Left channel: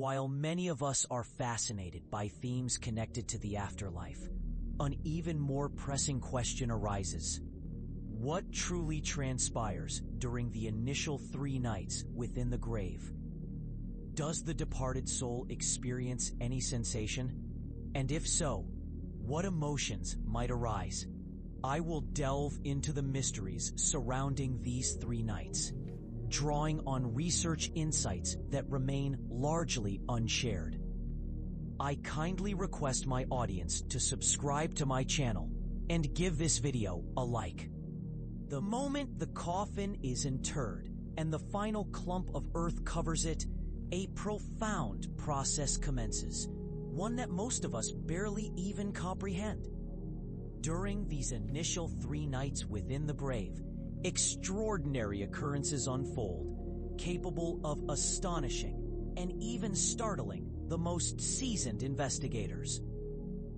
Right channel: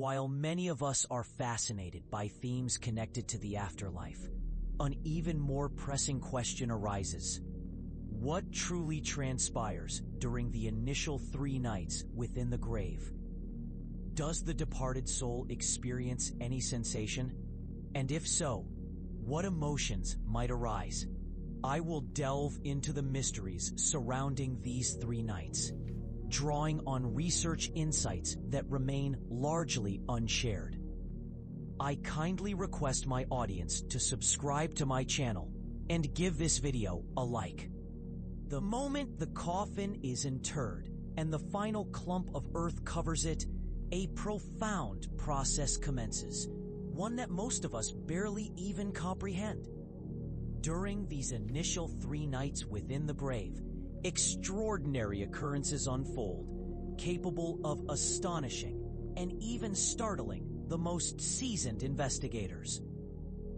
While many of us are fascinated by themes connected to the afterlife, an even more pressing question arises. What truly transpires during the initial 3 nights within the grave? Does the departed soul experience any sensation? And if so, what emotions might arise? I will delve into the mysteries surrounding these 3 nights, drawing on research insights that remain largely unshared. I kindly request my audience to subscribe to my channel and give this video a like. The moment the coffin is interred and the final clump of earth covers it, a profound process commences, one that most of us barely even comprehend. During these initial 3 nights within the grave, extraordinary occurrences unfold, capable of astonishing and even startling the most seasoned investigators.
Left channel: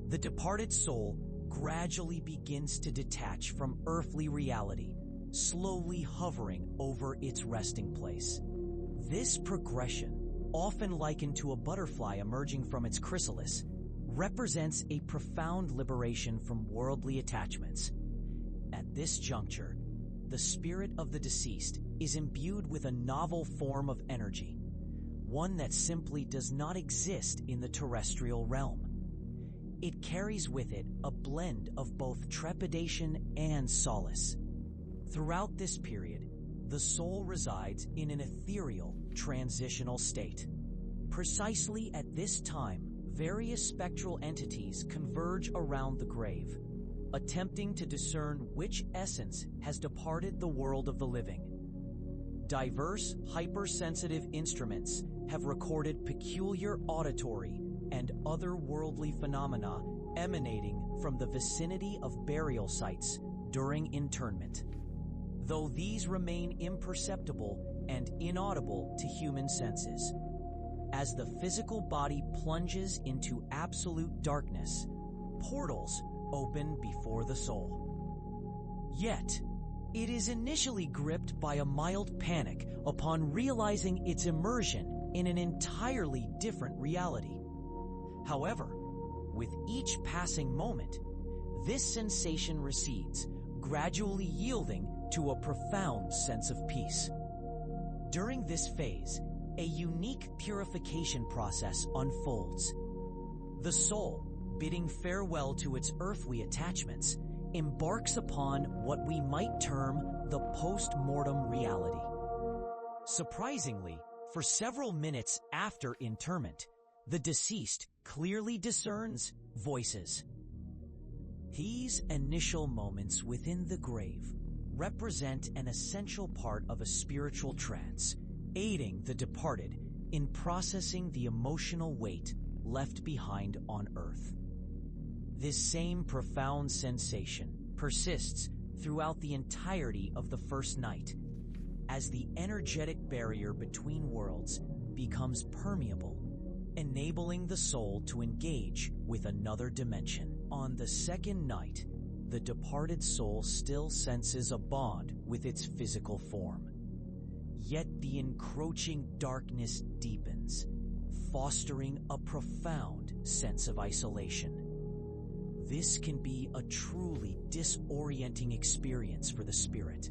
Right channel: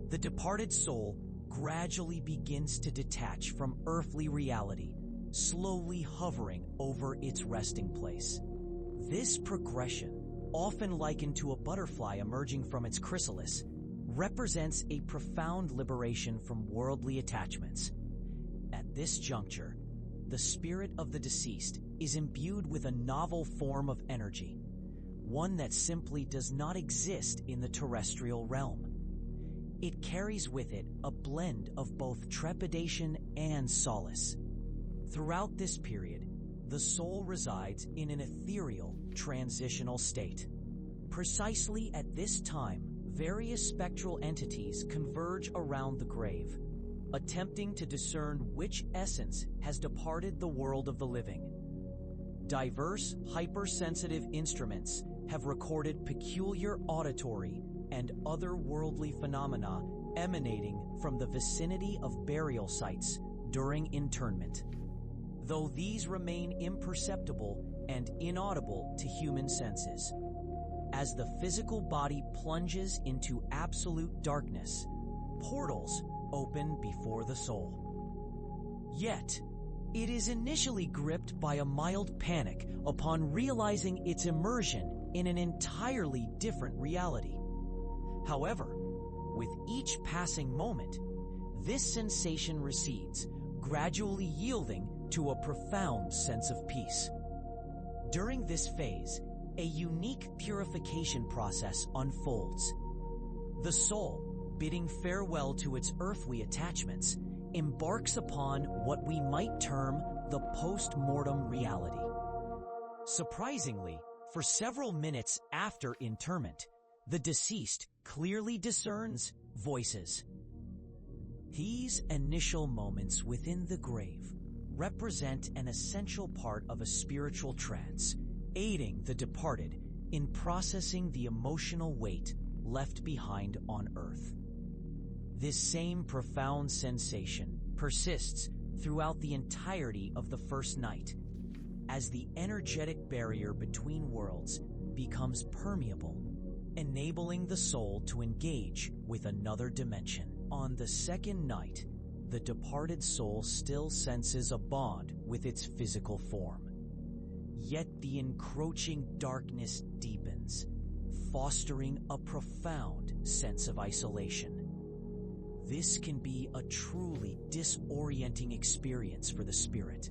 The departed soul gradually begins to detach from earthly reality, slowly hovering over its resting place. This progression, often likened to a butterfly emerging from its chrysalis, represents a profound liberation from worldly attachments. At this juncture, the spirit of the deceased is imbued with a novel form of energy, one that simply does not exist in the terrestrial realm. It carries with it a blend of both trepidation and solace. Throughout this period, the soul resides in an ethereal, transitional state. Precisely at this time, various spectral entities converge around the grave, attempting to discern which essence has departed the world of the living. Diverse, hypersensitive instruments have recorded peculiar auditory and otherworldly phenomena emanating from the vicinity of burial sites during internment, though these remain imperceptible and inaudible to human senses. As the physical body plunges into absolute darkness, portals open before the soul. Yet, it is initially gripped by a mild panic upon realizing its immersion in an entirely different reality. However, with each passing moment, this sensation recedes, gradually yielding to a profound sense of peace. During this phase, a unique purification process unfolds. The soul, bidding farewell to its earthly attachments, embarks upon what we might term the post-mortem reality. Surprisingly, for several minutes after interment, the deceased clearly discerns voices. These initial moments within the grave represent an essential part of a spiritual trance, aiding the departed in processing the emotional weight left behind on earth. This same profound sensation persists throughout the entirety of the first night, as the energetic barrier between worlds becomes permeable, enabling the soul to engage with another dimension. On the second night, the departed soul still senses a bond with its physical form. Yet the encroaching darkness deepens, fostering a profound sense of isolation. This can be a truly disorienting experience for the spirit,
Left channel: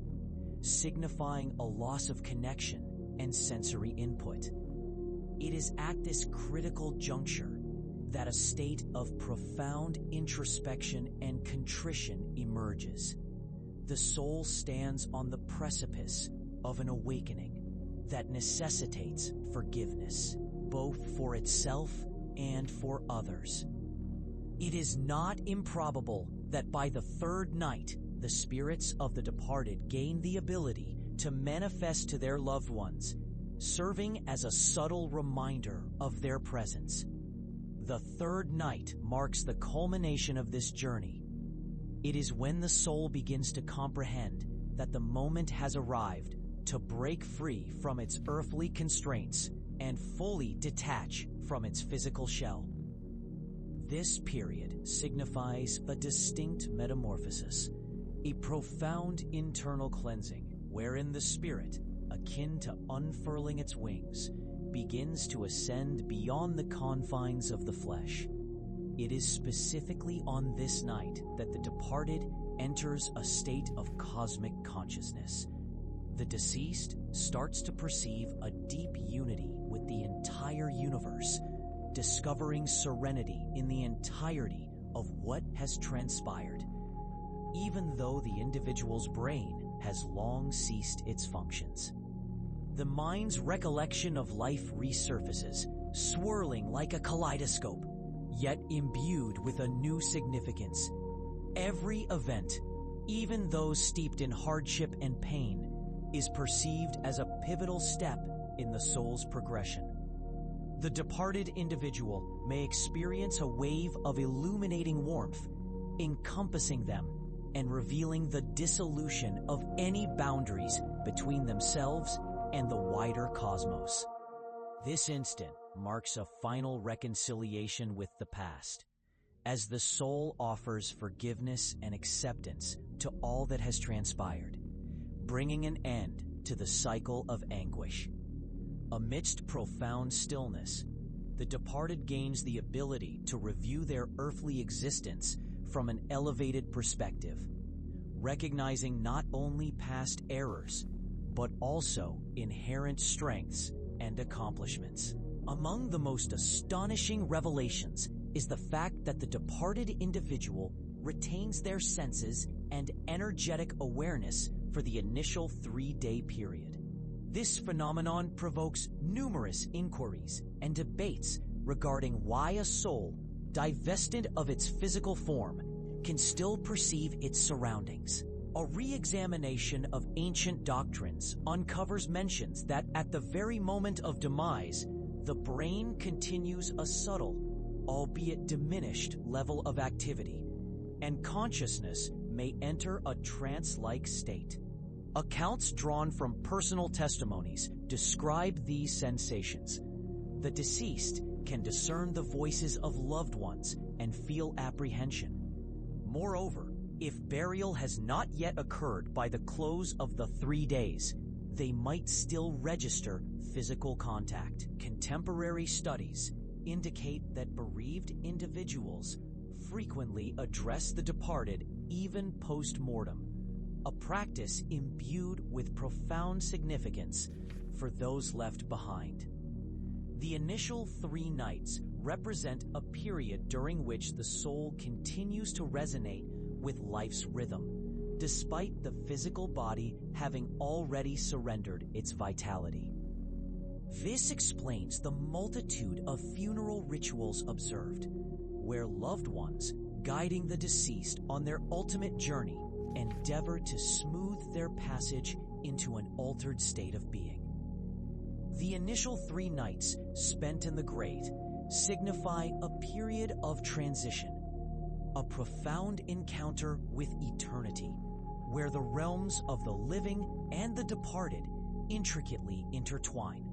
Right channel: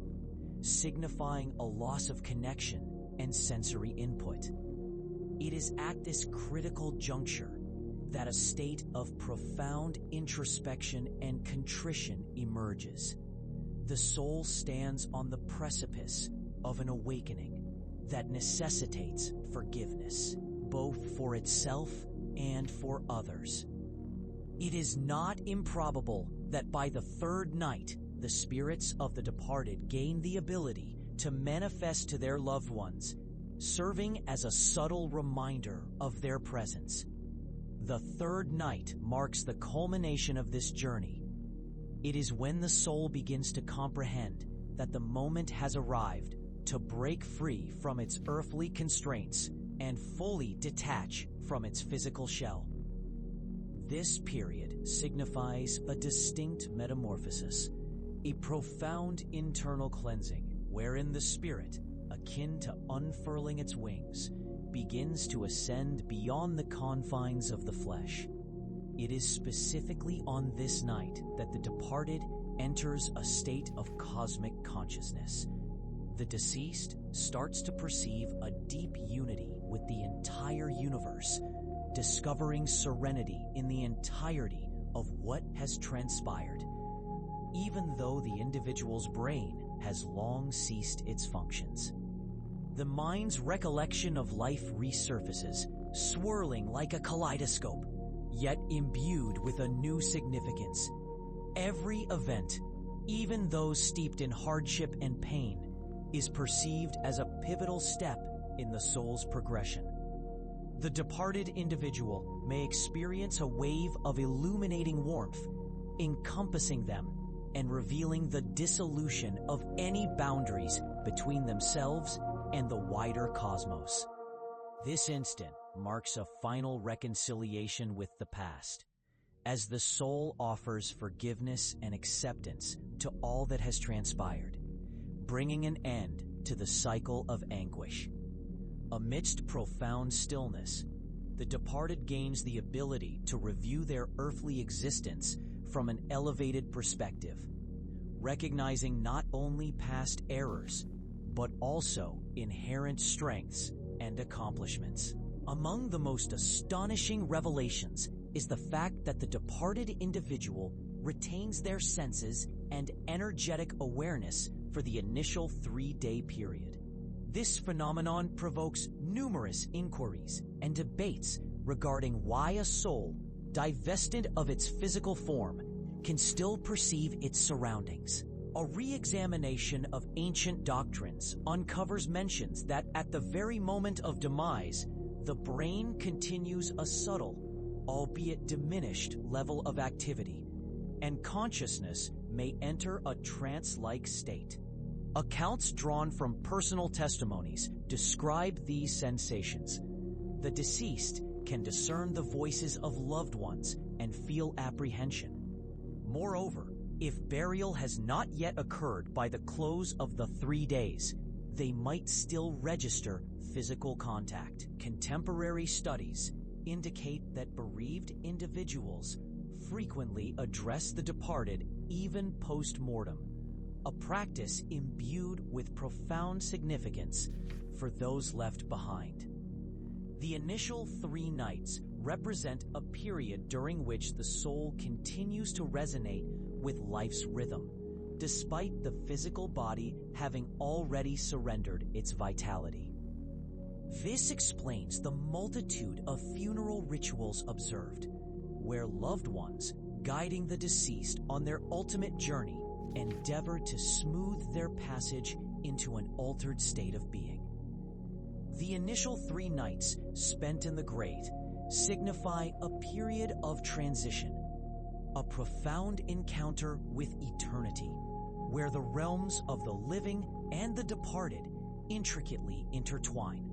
signifying a loss of connection and sensory input. It is at this critical juncture that a state of profound introspection and contrition emerges. The soul stands on the precipice of an awakening that necessitates forgiveness, both for itself and for others. It is not improbable that by the third night, the spirits of the departed gain the ability to manifest to their loved ones, serving as a subtle reminder of their presence. The third night marks the culmination of this journey. It is when the soul begins to comprehend that the moment has arrived to break free from its earthly constraints and fully detach from its physical shell. This period signifies a distinct metamorphosis, a profound internal cleansing wherein the spirit, akin to unfurling its wings, begins to ascend beyond the confines of the flesh. It is specifically on this night that the departed enters a state of cosmic consciousness. The deceased starts to perceive a deep unity with the entire universe, discovering serenity in the entirety of what has transpired, even though the individual's brain has long ceased its functions. The mind's recollection of life resurfaces, swirling like a kaleidoscope, yet imbued with a new significance. Every event, even those steeped in hardship and pain, is perceived as a pivotal step in the soul's progression. The departed individual may experience a wave of illuminating warmth, encompassing them and revealing the dissolution of any boundaries between themselves and the wider cosmos. This instant marks a final reconciliation with the past, as the soul offers forgiveness and acceptance to all that has transpired, bringing an end to the cycle of anguish. Amidst profound stillness, the departed gains the ability to review their earthly existence from an elevated perspective, recognizing not only past errors, but also inherent strengths and accomplishments. Among the most astonishing revelations is the fact that the departed individual retains their senses and energetic awareness for the initial 3-day period. This phenomenon provokes numerous inquiries and debates regarding why a soul, divested of its physical form, can still perceive its surroundings. A re-examination of ancient doctrines uncovers mentions that at the very moment of demise, the brain continues a subtle, albeit diminished, level of activity, and consciousness may enter a trance-like state. Accounts drawn from personal testimonies describe these sensations. The deceased can discern the voices of loved ones and feel apprehension. Moreover, if burial has not yet occurred by the close of the 3 days, they might still register physical contact. Contemporary studies indicate that bereaved individuals frequently address the departed even post-mortem, a practice imbued with profound significance for those left behind. The initial 3 nights represent a period during which the soul continues to resonate with life's rhythm, despite the physical body having already surrendered its vitality. This explains the multitude of funeral rituals observed, where loved ones, guiding the deceased on their ultimate journey, endeavor to smooth their passage into an altered state of being. The initial 3 nights spent in the grave signify a period of transition, a profound encounter with eternity, where the realms of the living and the departed intricately intertwine.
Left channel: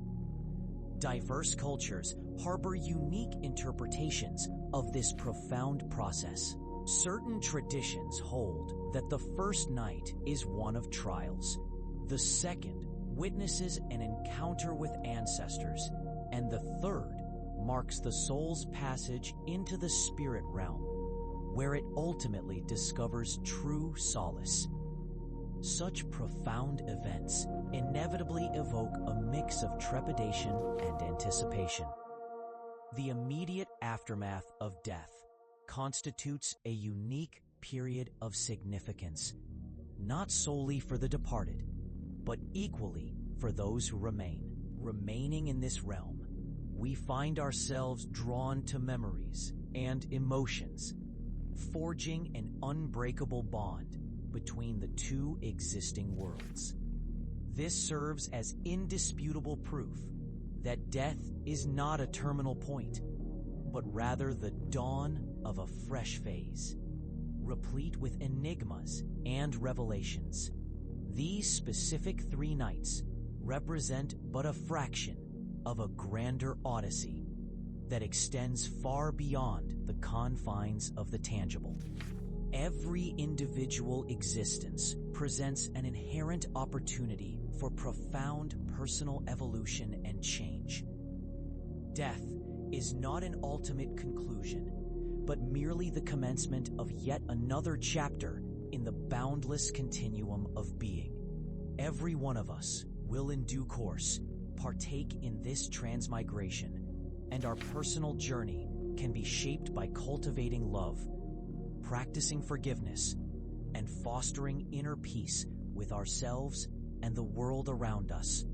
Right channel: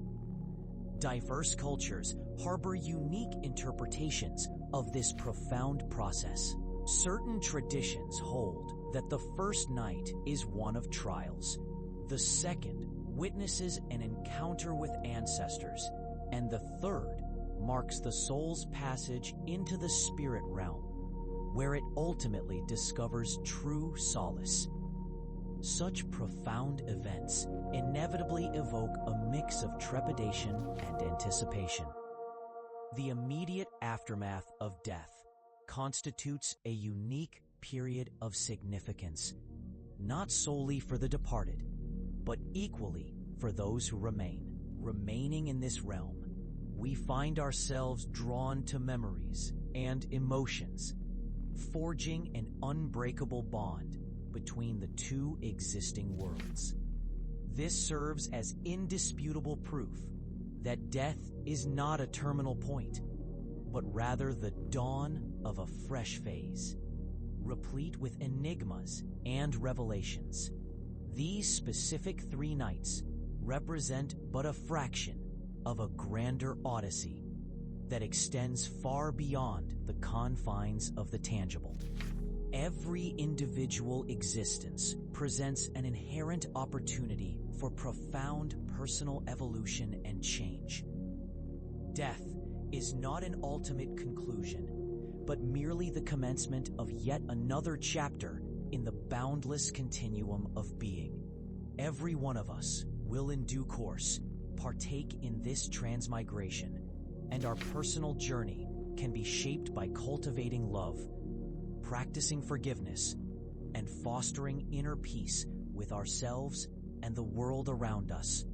Diverse cultures harbor unique interpretations of this profound process. Certain traditions hold that the first night is one of trials, the second witnesses an encounter with ancestors, and the third marks the soul's passage into the spirit realm, where it ultimately discovers true solace. Such profound events inevitably evoke a mix of trepidation and anticipation. The immediate aftermath of death constitutes a unique period of significance, not solely for the departed, but equally for those who remain. Remaining in this realm, we find ourselves drawn to memories and emotions, forging an unbreakable bond between the 2 existing worlds. This serves as indisputable proof that death is not a terminal point, but rather the dawn of a fresh phase, replete with enigmas and revelations. These specific 3 nights represent but a fraction of a grander odyssey that extends far beyond the confines of the tangible. Every individual existence presents an inherent opportunity for profound personal evolution and change, Death is not an ultimate conclusion, but merely the commencement of yet another chapter in the boundless continuum of being. Every one of us will in due course partake in this transmigration, and our personal journey can be shaped by cultivating love, practicing forgiveness, and fostering inner peace with ourselves and the world around us.